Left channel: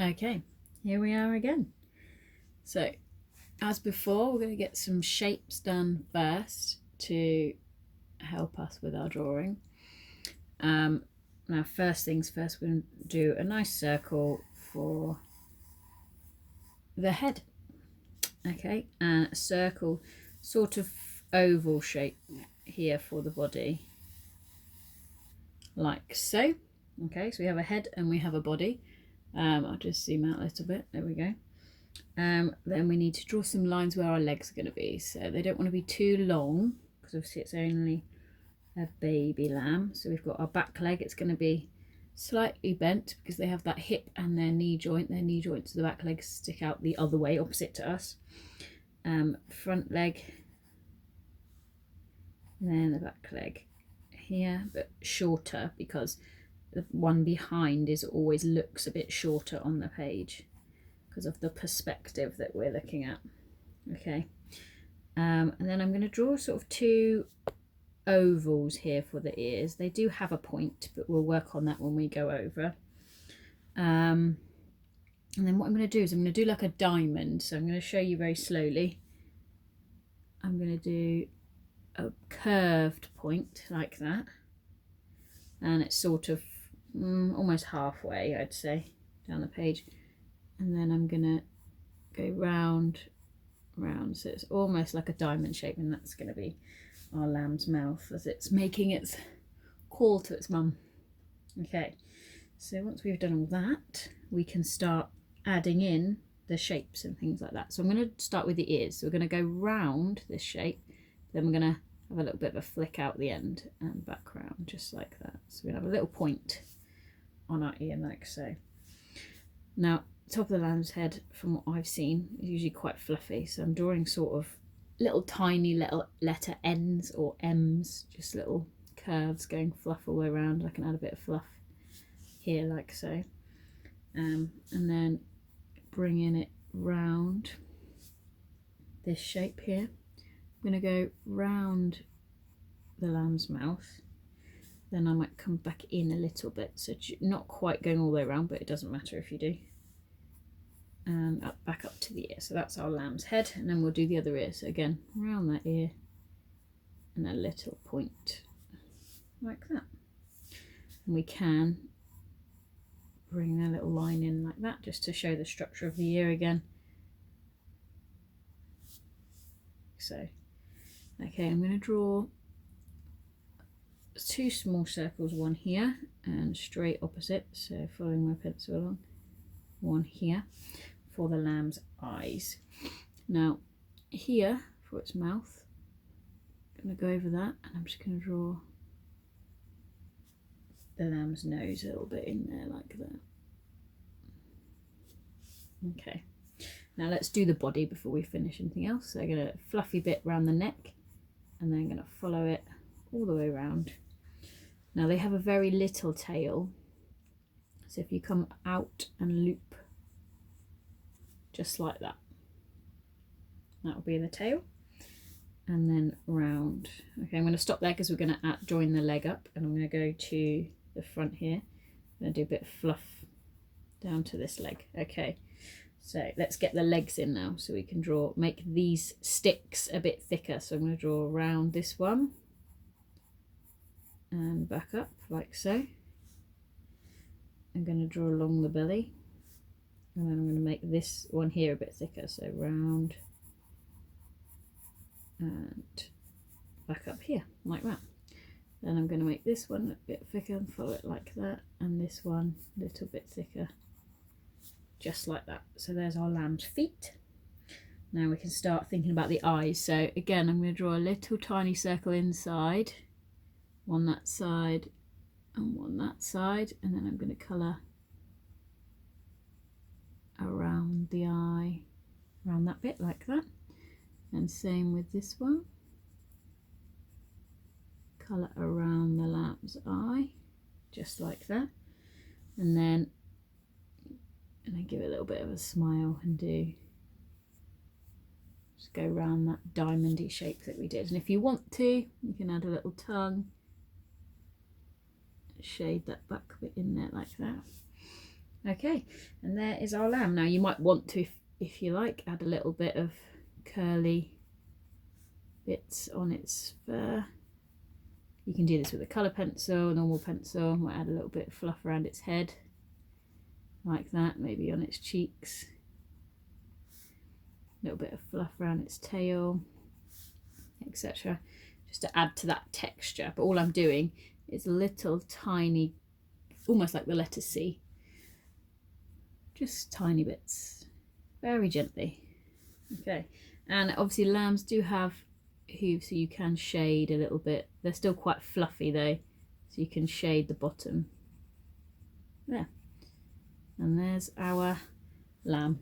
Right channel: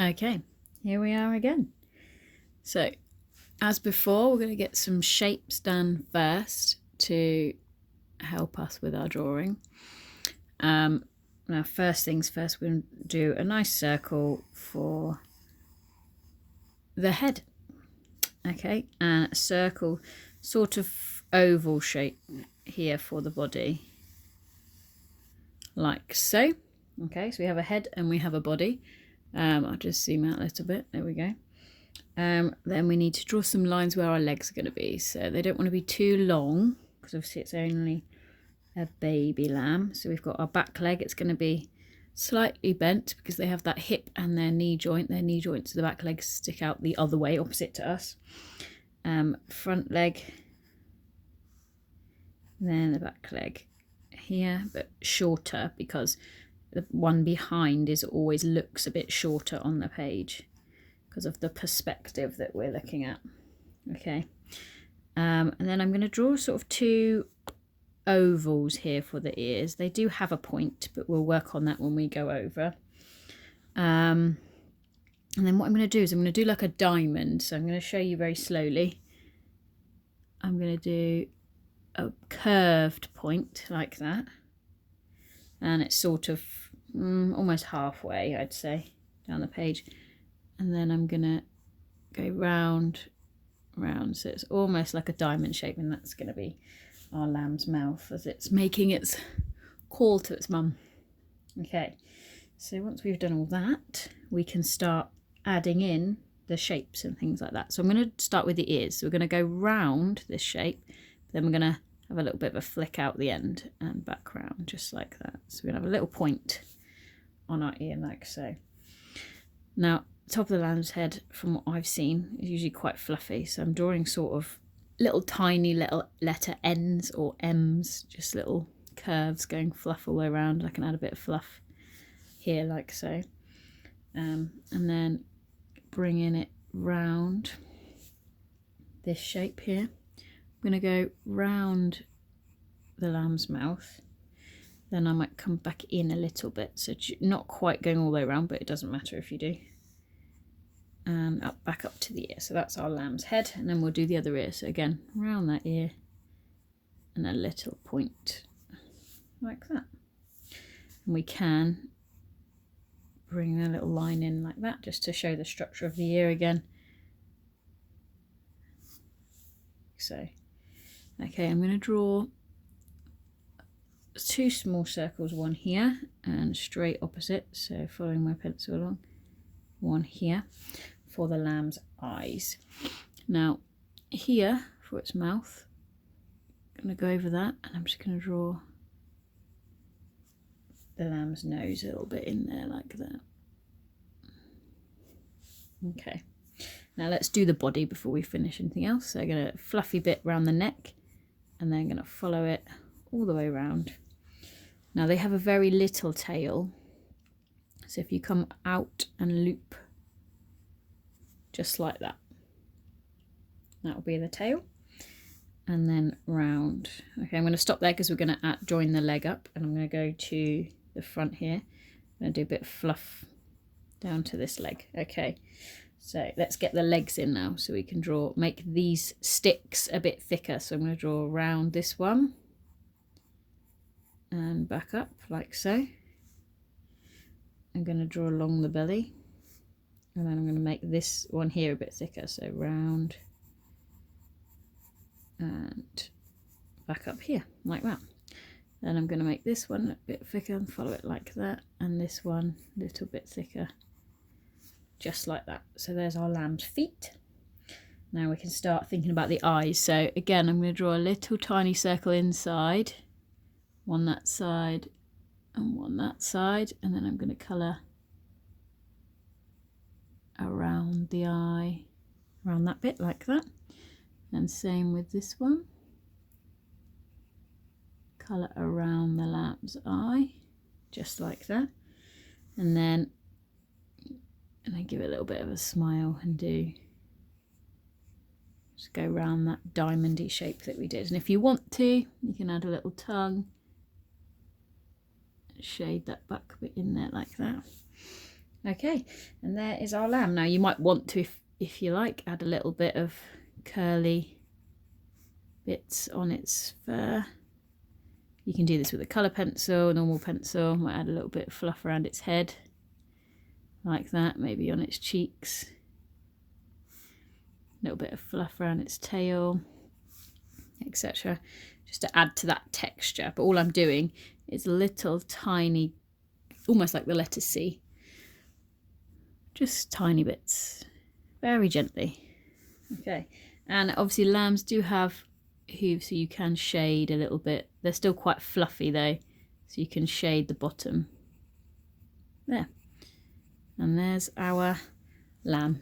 Okay, here we are again. So as before, we're going to get some shapes done first to help us with our drawing. Now first things first, we're going to do a nice circle for the head. Okay, and a circle, sort of oval shape here for the body, like so. Okay, so we have a head and we have a body. I'll just zoom out a little bit, there we go. Then we need to draw some lines where our legs are going to be, so they don't want to be too long because obviously it's only a baby lamb. So we've got our back leg, it's going to be slightly bent because they have that hip and their knee joint. Their knee joints, the back legs stick out the other way, opposite to us. Front leg, then the back leg here, but shorter because the one behind always looks a bit shorter on the page because of the perspective that we're looking at. Okay, and then I'm going to draw sort of two ovals here for the ears. They do have a point, but we'll work on that when we go over. And then what I'm going to do is I'm going to do like a diamond. So I'm going to show you very slowly. I'm going to do a curved point like that, and it's sort of almost halfway, I'd say, down the page. And then I'm going to go round, so it's almost like a diamond shape, and that's going to be our lamb's mouth as it's making its call to its mum. Okay, so once we've done all that, we can start adding in the shapes and things like that. So I'm going to start with the ears. So we're going to go round this shape, then we're going to have a little bit of a flick out the end and back round, just like that. So we're going to have a little point on our ear like so. Now, top of the lamb's head, from what I've seen, is usually quite fluffy, so I'm drawing sort of little tiny little letter N's or M's, just little curves going fluff all the way around. I can add a bit of fluff here like so, and then bringing it round this shape here. I'm going to go round the lamb's mouth, then I might come back in a little bit, so not quite going all the way around, but it doesn't matter if you do. And back up to the ear. So that's our lamb's head, and then we'll do the other ear. So again, round that ear and a little point like that. And we can bring a little line in like that just to show the structure of the ear again. So, okay, I'm going to draw two small circles, one here and straight opposite, so following my pencil along, one here for the lamb's eyes. Now here for its mouth, I'm going to go over that, and I'm just going to draw the lamb's nose a little bit in there like that. Okay, now let's do the body before we finish anything else. So I'm going to fluffy bit around the neck, and then I'm going to follow it all the way around. Now they have a very little tail, so if you come out and loop just like that, that will be the tail, and then round. Okay, I'm going to stop there because we're going to join the leg up, and I'm going to go to the front here. I'm going to do a bit of fluff down to this leg. Okay, so let's get the legs in now, so we can make these sticks a bit thicker. So I'm going to draw around this one and back up like so. I'm going to draw along the belly, and then I'm going to make this one here a bit thicker, so round and back up here like that. Then I'm going to make this one a bit thicker and follow it like that, and this one a little bit thicker, just like that. So there's our lamb's feet. Now we can start thinking about the eyes. So again, I'm going to draw a little tiny circle inside, one that side and one that side, and then I'm going to colour around the eye, around that bit like that, and same with this one, colour around the lamb's eye just like that, and then give it a little bit of a smile and just go around that diamondy shape that we did. And if you want to, you can add a little tongue, shade that back bit in there like that. Okay, and there is our lamb. Now you might want to, if you like, add a little bit of curly bits on its fur. You can do this with a colour pencil, normal pencil. Might add a little bit of fluff around its head, like that, maybe on its cheeks. A little bit of fluff around its tail, etc. Just to add to that texture. But all I'm doing is little tiny, almost like the letter C. Just tiny bits, very gently. Okay, and obviously lambs do have hooves, so you can shade a little bit. They're still quite fluffy though, so you can shade the bottom. There. And there's our lamb.